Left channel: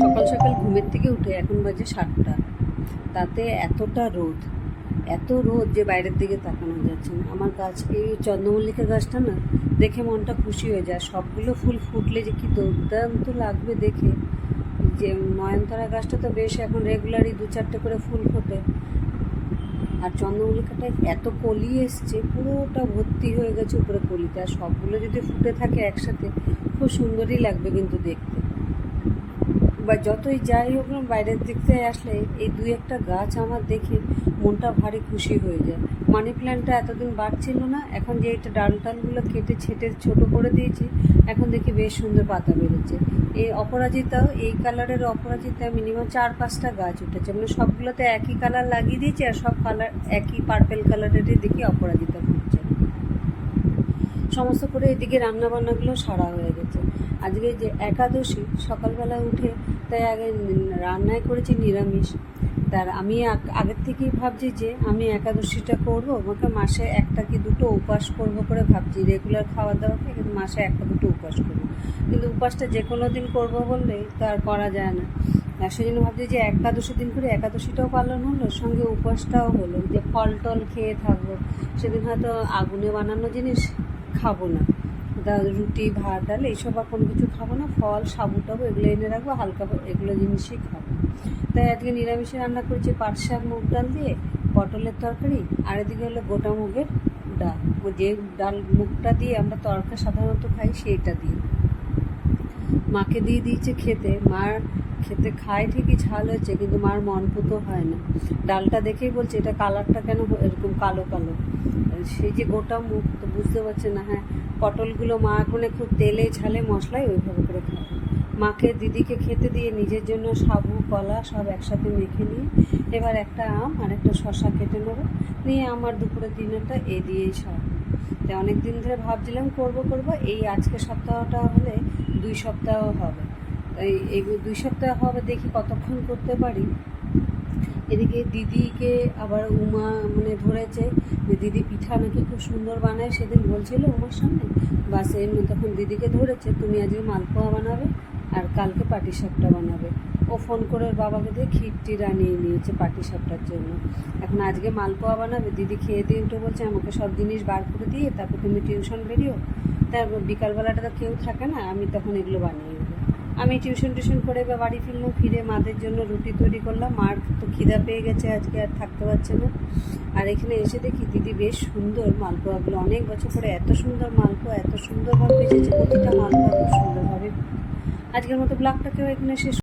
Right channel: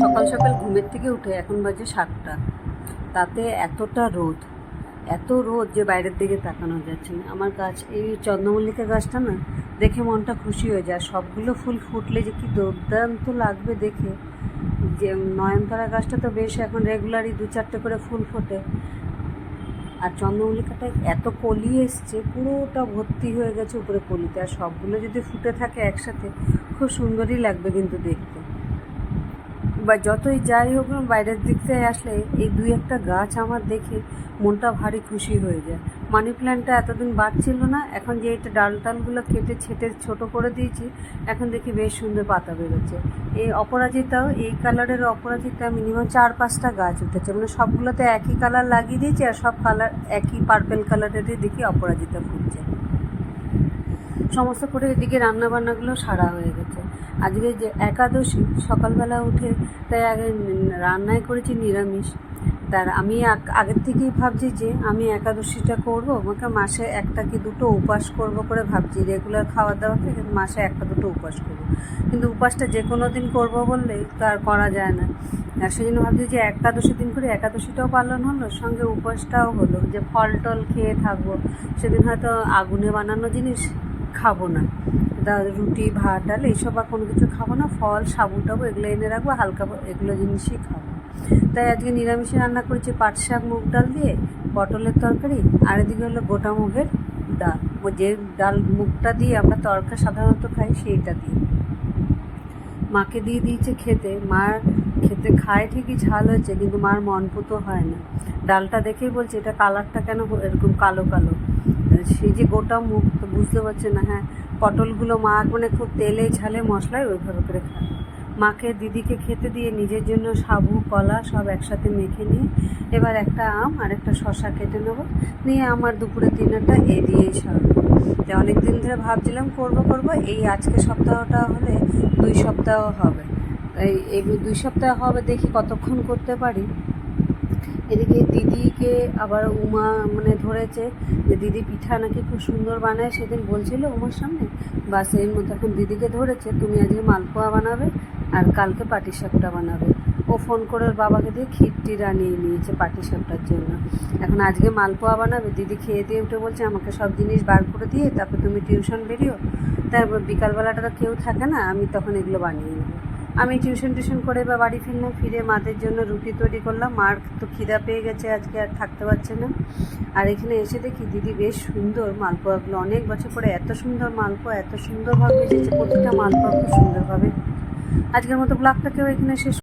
সকাল সকাল ঘুমের থেকে উঠে এখন বাজে সাতটা। তাতে এতটা রোদ, এত রোদ যে বাইরের দিকে তাকানো যাচ্ছে না। আমার গাছ, এই চন্দ্রমল্লিকা গাছটা না, দেখে মনটা খুশি হয়ে যায়। সবগুলো ফুল ফুটলে যে কি দুর্দান্ত লাগবে দেখে। যে নয়নতারা গাছটা তো বেশ এখন রেগুলারই দু চারটে করে ফুল ফোটে। আর চন্দ্রমল্লিকাটা এত কলি এসছে, পুরোটা ভর্তি হয়ে গেছে উপরে কলিতে। আর সবগুলো যদি ফুটে থাকে একসাথে, খুব সুন্দরই লাগবে কিন্তু দেখতে। বা যতই যাই হোক না, বাইরের দিক থেকে আসলে এই দুই একটা গাছ আমার দেখে মনটা ভারী খুশি হয়ে যায়। মানি প্ল্যান্টটা এতদিন বাড়ছিল না, এখন যে এটা ডাল টালগুলো কেটে ছেটে ছোট করে দিয়েছি, এখন দেখি বেশ সুন্দর পাতা বেরোচ্ছে। এই অপরাজিতাও, এই কালারের অপরাজিতা মিনিমাম চার পাঁচটা গাছ উঠেছে। মানে সবগুলোতে একই কালার লাগিয়ে দিয়েছি আর সব কালার একই পার্পেল কালারেরই দেখি অপরাজিতা ফুটছে। সমস্ত করে এদিকে রান্না বান্নাগুলো সারা হয়ে গেছে। আজকে যে একাদশী, সকালবেলা উঠে তাই আগে রান্নাই করেছি নিরামিষ। তার আমি আগের থেকেই ভাবছি যে আমি একাদশীটা করব, আমাকে মাসে একটা কি দুটো উপাস করব করে ভাবছি। রেগুলার খাওয়া দাওয়া থেকে মাসে একটা দুটো উপাস করব। কিন্তু উপাসটা যে কোনো দিন করব বললে তো আর করা যায় না। আর সেই জন্য ভাবছি যে একাদশী দিন করে একাদশীটাও পালন হলো, সঙ্গে উপাসটাও হলো। যে ফল টল খেয়ে থাকব। সেদিন হয়তো আগুনে বানানো জিনিস খাব না। রুটি, ভাত, ডাল এইসব আর কোনো কিছু খাব না। ফল, সাবু টাবু এগুলো এনে রাখব, হালকা এগুলো জিনিসই খাব। তাই আজকে নিরামিষে রান্না করেছি পাট শাক, মুগ ডাল দিয়ে, পটলের তরকারি, আর এদিকে হলো গোটা মুগের ডাল। যে ডাল, মুগটা দিয়ে আমরা তরকা সাধারণত খাই সেইটা দিয়ে। মাকে দিয়ে দিয়েছে খেতে। মার খেতে খায় ঠিকই, ঝাল হয়েছে, কিন্তু মার মন পুতো হয় না। ডালটা দেখেই বলছে, এটা কালারটা কেন এরকম কালো কালো? সেই যে গোটা মুখ তো বুঝতে পারছে না হ্যাঁ পটলগুলো মা মানে খুব তেলে ঝালে মশলায় ওইভাবে করে খায়। মাকে দিদিকে খেতে দিয়ে নিজের জন্য সাবু, কলা সব একসাথে মেখে নিয়ে এবার একটা আম আর একটা শশা কেটে নেব। নিয়ে আমার দুপুরের দিনারটা এ দিয়েই সারবো তাই অনেক দিন ধরে ভাবছিলাম করব করব, এই আজকে সপ্তাহটা হলে দুই সপ্তাহ হবে। এই দুই সপ্তাহ হবে দেখি কতক্ষণ করতে পারি। এদিকে দিদিকে আবার উমা মানে ধরেছে যে দিদি পিঠা নাকি খুব সুন্দর বানায়, সেদিন বলছিল উমার সামনে। বাসের মধ্যে এখন দিদিকে ধরেছে, তুমি আজকে মালপোয়া বানাবে আর কালকে পাটিসাপটা বানাবে। ও ফোন করে ওর বাবাকে দিয়ে ক্ষীরটি রানিয়ে নিয়েছে পাটিসাপটার জন্য। এখন আজকে মালপোয়া বানাবে, দিদি খেয়ে দিয়ে উঠে বলছে, আমাকে সব জিনিস বার করে দিয়ে, তারপর তুমি টিউশন বেরিও তারপর বিকালবেলাটা তো কেউ থাকে না, আমি তখন এগুলো বানিয়ে আমি টিউশন টিউশন করে বা বাড়ি ফিরলাম ফিরে মাদের জন্য রুটি তৈরি করলাম। মার তো খিদা পেয়ে গেছে, আজকে আর থাকতে পারছে না। আর এখানে এসে দেখি দিদি বেশ সুন্দর মালপোয়াগুলো, অনেক বছর পরে এত সুন্দর মালপোয়া, এত সুন্দরভাবে এসেছে প্রতিটা মালপোয়া খুব সুন্দরভাবে। আজকের মতো ব্লগটাকেও এখানে শেষ